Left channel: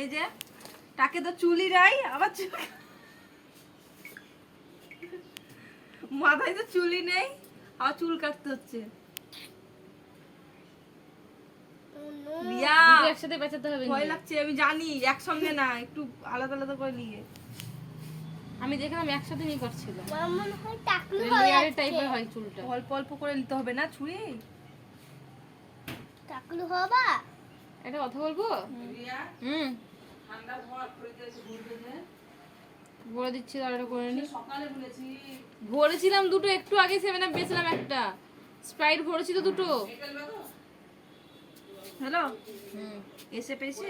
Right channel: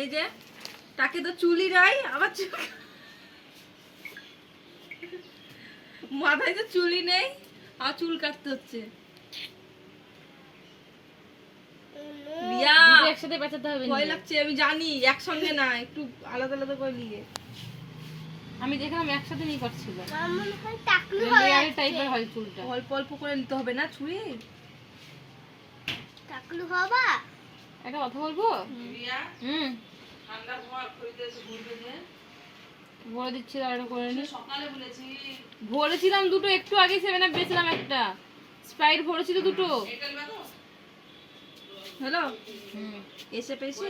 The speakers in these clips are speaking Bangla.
এই যে তাকে তো চুলই নাই, আবার মাথায় তো চুলই নেই, আর চুল কাটতে হচ্ছে। রিয়া একসাথে বাঁচাতে হবে। ভয় লাগছে, আমি জানি একসঙ্গে না, একটু আলাদা আলাদা করে নিয়ে। আমি দেখলাম একসাথে নিয়ে কাটছিল। টাইপের হয় চুলটা, অল্প অল্প করে নিতে হবে না ছুরি। টাকলু বাবা একটা কথা বলবো? ঠান্ডা ভর খরিতে এসে ঘুরবে যে বলে দিচ্ছি, আর করে নি। সকালে বলেছি ভরেছিলাম দুটো, একটু আগে 7 আপ বেচলাম একটা, স্প্রাইট ভরেছি তো দুটো। হ্যালো এসে পেয়েছে,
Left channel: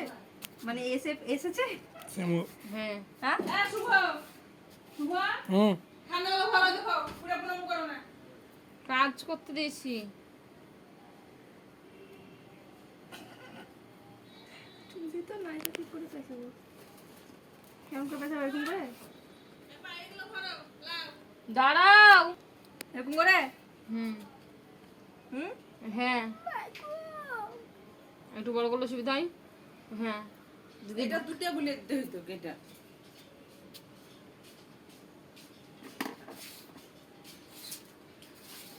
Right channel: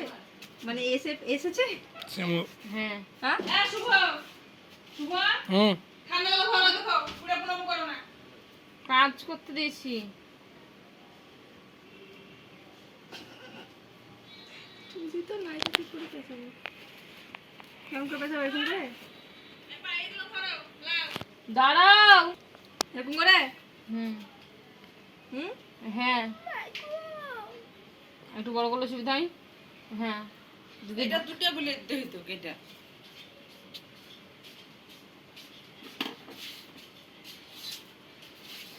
মানে এসেছে। হ্যাঁ হ্যাঁ শুভ শুভ ঠান্ডা ভরা দেখো, পুরো পুরো করো না, কাজ করতে দিয়েছি। তুমি তো নাই কি করে পেছাবো, কেমন করে পেছাবো এরকম করে? দাঁড়াও এরকম করে। হুম হুম হ্যাঁ, একটু বড় করলে সুবিধা হয়। হ্যাঁ এটা দুটো বলে দেই তো এটা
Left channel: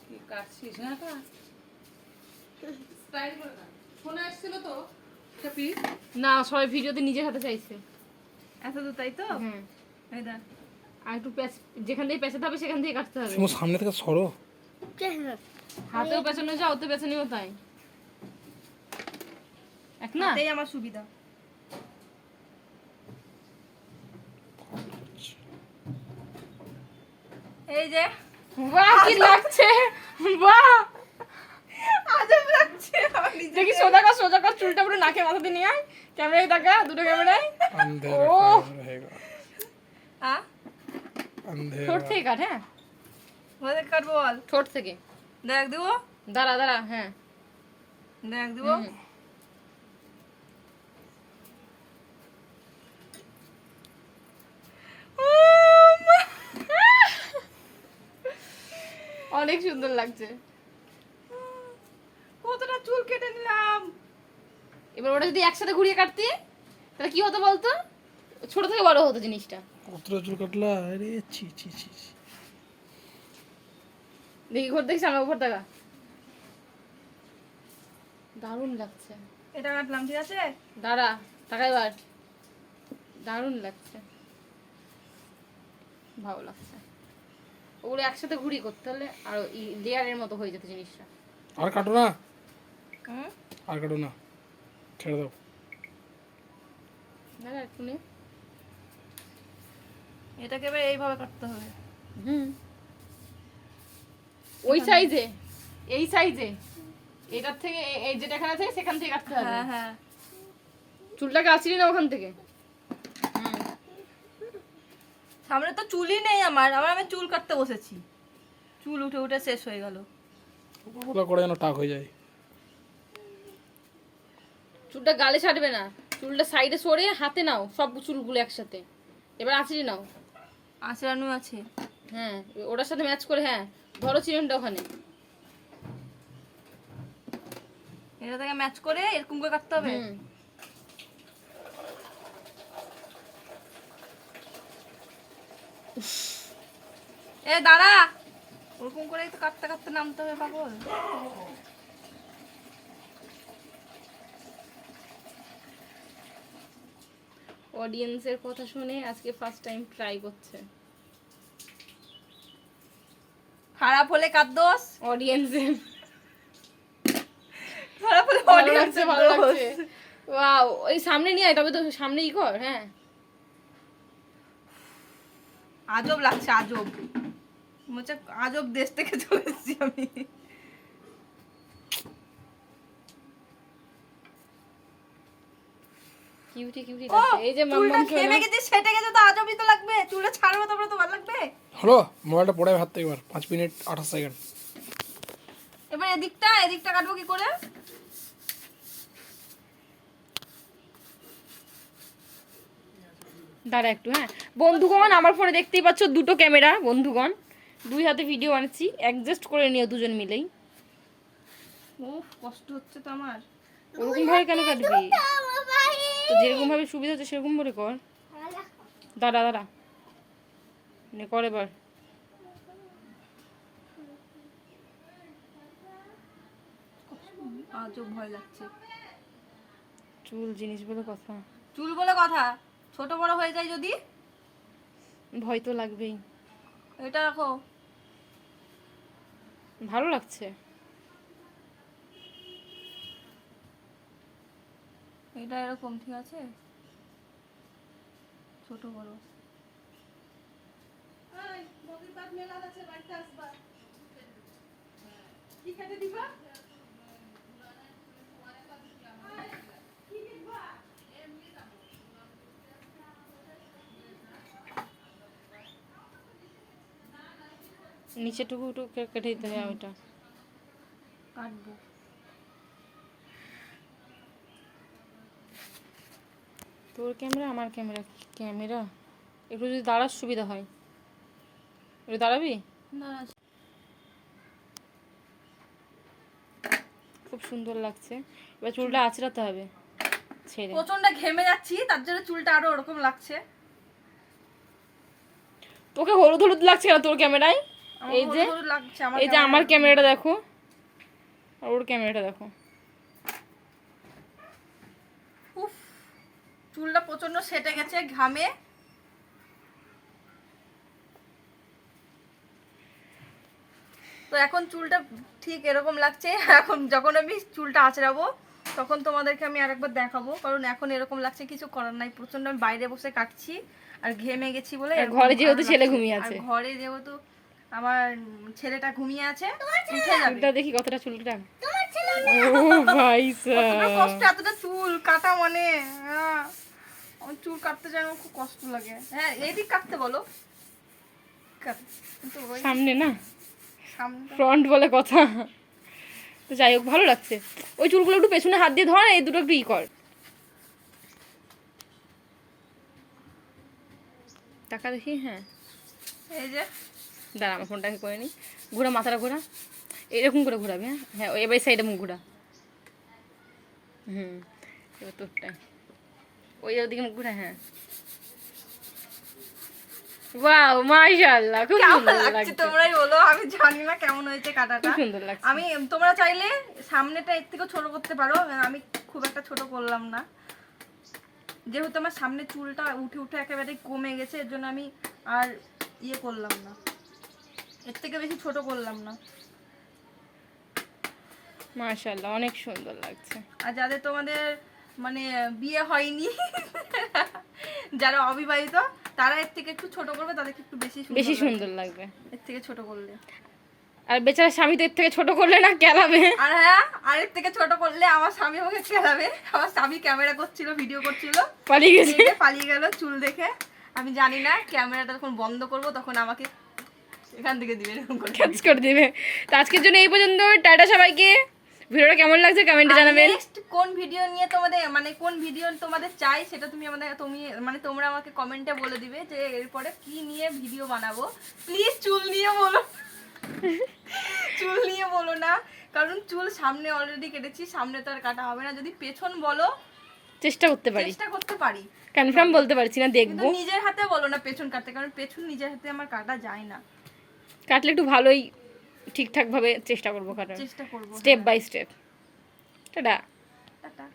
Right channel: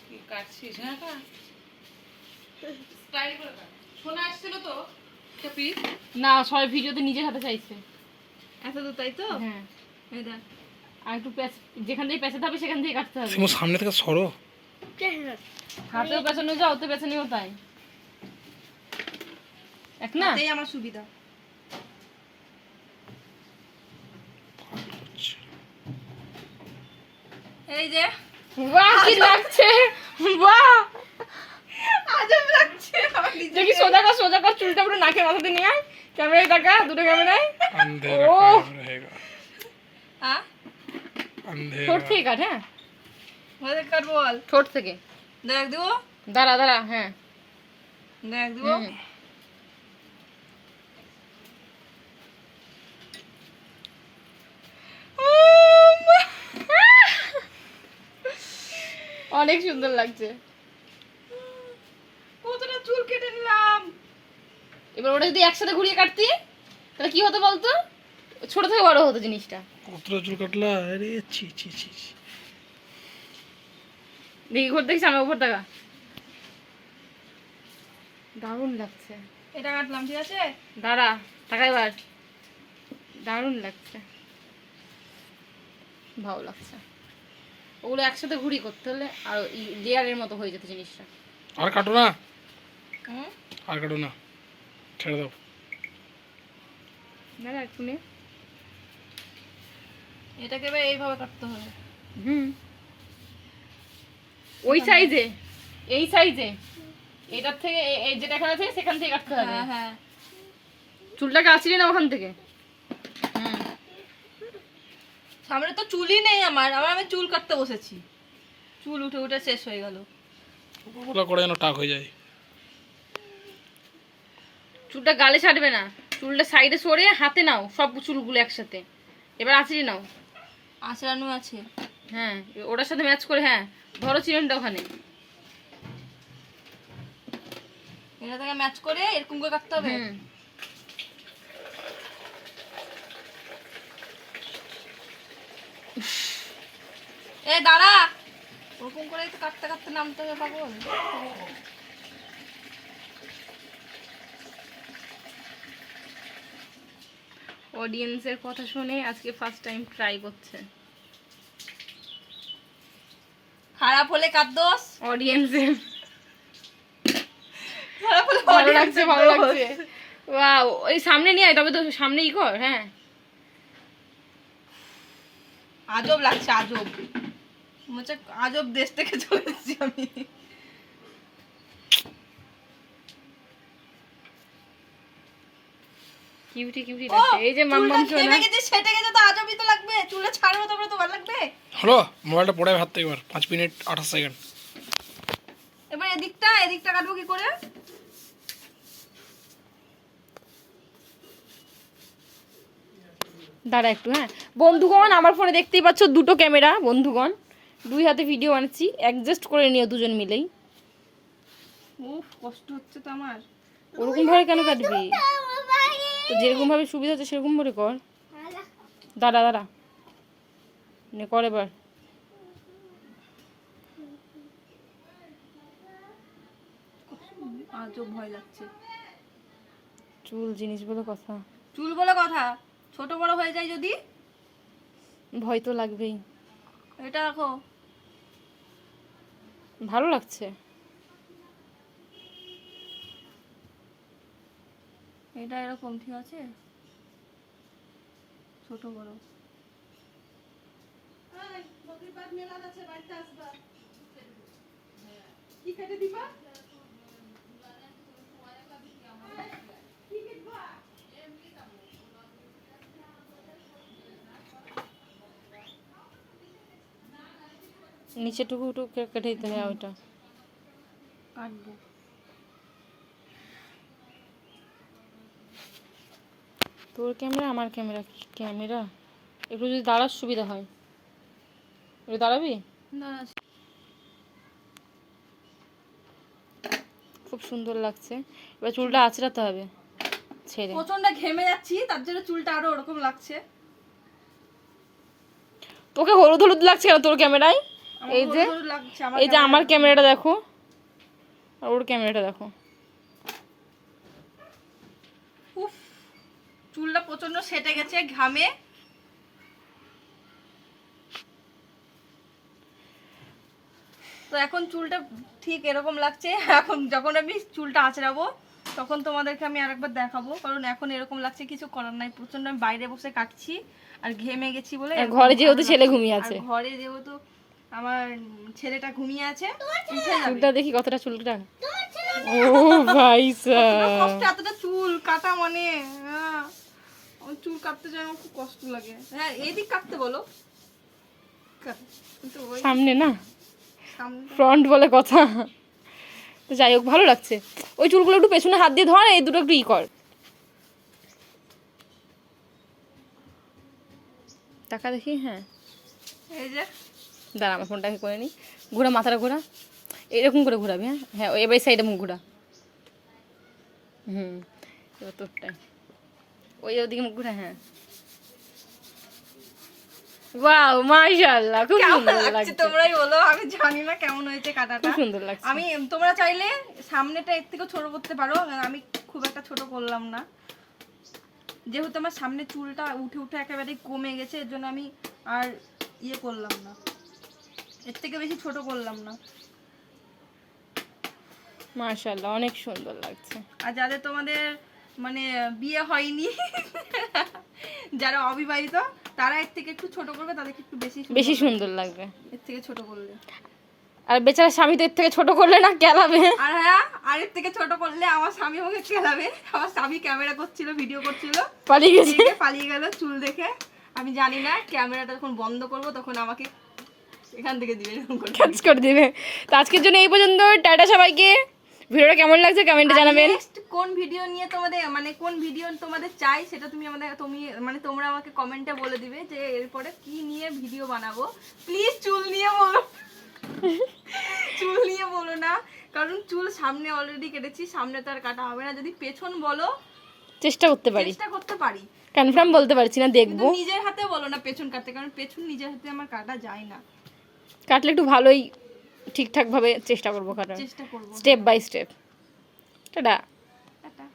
কি কাটছিস? হ্যাঁ কা স্টাইল করে কাট। শোনা আসছিল তো খেপি না, সবাই ভিডিওতে নিজের হাতে চাইছে। এত তো তাই তো। হ্যাঁ এই দা আর একটু যেখান থেকে পেঁচাতে হবে সেখান থেকে কাটতে হবে। সামনে থেকে সরো। হাতেও পেছানো যায়, ওতে পেছানিও তাই। এক না, এটাই আমার সুবিধা। এই যে বাহ কি লাগছে, বাহ আজব লাগছে আমার নিজে। দেখি সোজা কর চুলটা পুরো নাকে মাথাতে নিয়ে আয়, ক্যামেরায় দেখা, দুটো ক্যামেরায়। अंधेरा ओह। काम रहेगा, হ্যাঁ अंधेरा। ঠোঁট থেকে কাট। হ্যাঁ বলে কাট বল, ঠোঁট থেকে। দেখ দিব, দাঁড়া হ্যাঁ দেখ দিব। হুম। অনেক সুন্দর লাগছে। কতটা চুল কেটে নিলাম। এবার ওটা যদি একসাথে ঘুরিয়ে কাটতি তাহলে কি হতো বলতো, ছোট থেকে বড় হতো জিনিসটা। কতটা চুল কাটলা, আরে ছি ছি ছি ছি। দেখি ঘর দেখছি আমার উপর টাকা, দারুণ লাগছে। এটা কাটলাম, ঠিক আছে। দাঁড়া টাকা এবার, দারুণ লাগছে, ভালো লাগছে। ওগুলো একসাথে ঘুরি করতে হলে আর লেয়ারের মতো হয়ে যেত জিনিসটা। আর কাটো না, হুম আর কাটো না, ছেড়ে দাও। দাঁড়া একটু নে। এটাকে এবার এইভাবে কাটতে হবে। হুম ওই সাইজে, এই সাইজে, এটার থেকে এই যেটা এখানে আছে সেখান থেকে কাটতে হবে। হ্যাঁ হ্যাঁ চুলটাকে আসলি না ওখান থেকে। সামনে তো চুলই নেই আমার, আমি চুল কাটতে বসেছি, চুল উঠে উঠে শেষ হয়ে গেল। উপরবেলা করে যেন টাক হয়ে যায়। চুলটা গালে ছাড়বে না, চুলটা সাইডে সরে হাতে নাও সব চুলগুলো একসাথে। এবার আঁচড়ি নাও। আঁচড়ানো আছে। হ্যাঁ ওটার সাথে ম্যাচ করে। হ্যাঁ ধরো চিরনটা ওখানে। এটা থেকে ম্যাচ করে এরকম করে কাটতে হবে। হুম। এ দাঁড়া, ওরকম করে একটু কাটতে কাটতে নামতে হবে পাগল। অডিয়েন্সের কথা শুনে আজকে ফার্স্ট টাইম ট্রাই করছে। খারাপ হলে কার দোষ? অডিয়েন্সের খারাপ হলে ভালো audience লাগছে, এর ভালো দোষ। লাগছে। ওয়াও, ওই সামনে নিয়ে আয়, তবে তো সামনে ই কর। হ্যাঁ আজব লাগছে, আজব মনে হচ্ছে আজব দেশ থেকে চলে এসেছি আমি। কিউটি কিউটি ও, লাগছে। এই যে চুলটা মাম্মাম ঘেমে গেছে, সেটে গেছে তো আজবই তো লাগবে। চুলটা ছাড়বো তারপরে তো ভালো লাগবে। হলো, মোবাইলটা পড়ে হাত থেকে এবার 5 মিনিট 28 সেকেন্ড। এবার এদিকটা কাটবো কি করে? দাঁড়া একটু। হ্যাঁ বন্ধুগণ, আমার ফোনে দেখতেই পাচ্ছ দুটো ক্যামেরা। বন্ধুগণ, দুই হাতে ভিডিও বানাচ্ছি, অ্যাডজাস্ট করে নিও দুজন মিলেই। উফ কষ্ট হচ্ছে তো আমার। ওরকম ভাবে কেন কাটবি? তো যেরকম ভাবে সুবিধা হচ্ছে সেরকম করে কর। দাঁড়া দাঁড়া, নে কর এবার। আজও ভয় লাগছে। চুল জিনিস বলে কথা, চুল বলে কথা, ছোট বড় হয়ে যায় যদি। ভয় তো লাগবেই। এটা রাখো। ভালো লাগছে। এটা এরকম ঠিক আছে, ছোট বড়। নিচেটুকু একটু কেটে দিতে হয় ওইটা। কাটবো। তোর ক্যামেরা আমার ক্যামেরা, ক্যামেরা একটু যদি দাঁড়ার সুবিধা হয়। একটু দাঁড়াবি? দাঁড়া। খুব সুন্দর লাগছে। এবার চুলটা আঁচড়াতে হবে ছেড়ে। প্রচন্ড ঘেমে যাচ্ছি, তার জন্য চুলটা আরো ওরকম লাগছে। তোকে হলুদ হলুদ লাগছে কেন তোর ক্যামেরায়? আমার এই যে হলুদ হলুদ লাগছে আমার এই যে আমার ক্যামেরাটা দেখো আর ওর ক্যামেরাটা দেখো। উফ, চুলটা প্রচন্ড সেটে গেছে ঘামে। তো এখন চুলটা ঠিক এরকম লাগছে। এখন যখন আমি চুলটা আঁচড়াবো তখন তোমাদেরকে আমি আরেকবার দেখাবো, কারণ এখন এরকম লাগছে, কিছু করার নাই। প্রচন্ড আমি বাইরে বসে কাটছি আর ঘেমে গেছি বলে এরকম ঘরে যেহেতু ভালো ছেলে লাগছে। ঘুমিয়ে আর আছে। ঘরে যেহেতু আমার ছেলেটা ঘুমিয়ে আছে, উঠে যাবে। চুলটা দেখি কতটা চুলটা। ও ভাই কতটা সাহেব, কষ্ট, এতটা চুল কাটা মানে আমার চুল কাটতে যেন খুব কষ্ট লাগে। হ্যাঁ এইদিক কাটতে বলো, কিন্তু ওই সামনে না সামনেটা ফ্রন্ট বলে কথা। তো যাই হোক ভালো লাগছে। ওই চুলগুলো একটু পেছনে হাত দিয়ে ধর, এই দুটো একটু ই কর। টাকা দেখি। হ্যাঁ এই যে দাঁড়া আমার ফোনটাকে করে নিই। ঘোরা মাথাটা ঘোরা, এরকম করে ঘোরাবি। হ্যাঁ হ্যাঁ এবার সাইডে মুখ ঘোরা। এবার তোরটাই ওই ওদিকে মুখ ঘোরা। হ্যাঁ ওয়াও মাশাআল্লাহ, খুব কেমন সুন্দর লাগছে লাগছে। তোমরাই বলো, আমি জানি না কেমন হয়েছে কাটাটা। খুব সুন্দর লাগছে। আমি তোমরা চাইলে সামনেটা এর থেকে ছোট করতে পারো, আমি খুব একটা ছোট করলাম না, যেহেতু আমার সামনে চুলটা উঠে উঠে একেবারেই কমে গেছে, এর জন্য আমি আর ইয়ে করলাম না, এর থেকে বেশি ছোট করলাম না। মাশাআল্লাহ অনেক সুন্দর লাগছে। আর যাদের তোমাদের মানে বিয়ে হয়নি, যারা অবিবাহিত, তারা এর থেকে একটু ছোট করবে, তাদেরকে একটু বেশি সুন্দর লাগবে এর থেকে ছোট করলে। আর বেচারা স্বামী তো এর থেকে ছোট করলে না কেলাবে। আর হ্যাঁ, আর এর থেকে ছোট করলে আমার স্বামী আমাকে খেলাবে। আমার স্বামী ক্যামেরা করছিল, ভিডিও করছিল, পালিয়ে গেছে। দেখে পালিয়ে গেল চুল দেখে। আমি জানি না, ক্যামেরাটা যখন বন্ধ করব তখন আমাকে এখান থেকে দিবে এরকম করে। কাজ করে দিবে। তো আজকের জন্য এই পর্যন্ত। টাটা সবাইকে। ভিডিওটা কেমন লাগছে কমেন্টে জানাবেন। নেক্সট কোন ভিডিও নিয়ে তোমাদের মানে কোন ভিডিও তোমাদের চাই সেটা তোমরা আমাকে কমেন্টে বলে দিবে, যে এরপরে কি নিয়ে ভিডিও বানাবো। প্লিজ চুল নিয়ে বলো, চুল নিয়ে বলো না, কারণ চুল সামনে অলরেডি কেটেছি, সামনে তো আর কাটা হবে না। যদি পেছন বলো চেষ্টা করতে পারি, চেষ্টা করতে পারি, কনফার্ম বলতে পারছি না, কিন্তু দেখবো। নিজের হাতে বলো না পেছন কাটতে, কারণ পেছন নিজের হাতে আমার কাটা যায় না। কাটলে একটু ভালোই ঠিকঠাক ভাবে চেষ্টা করবো কাটার, চেষ্টা করবো। Step by step. Ta-ta. Tata.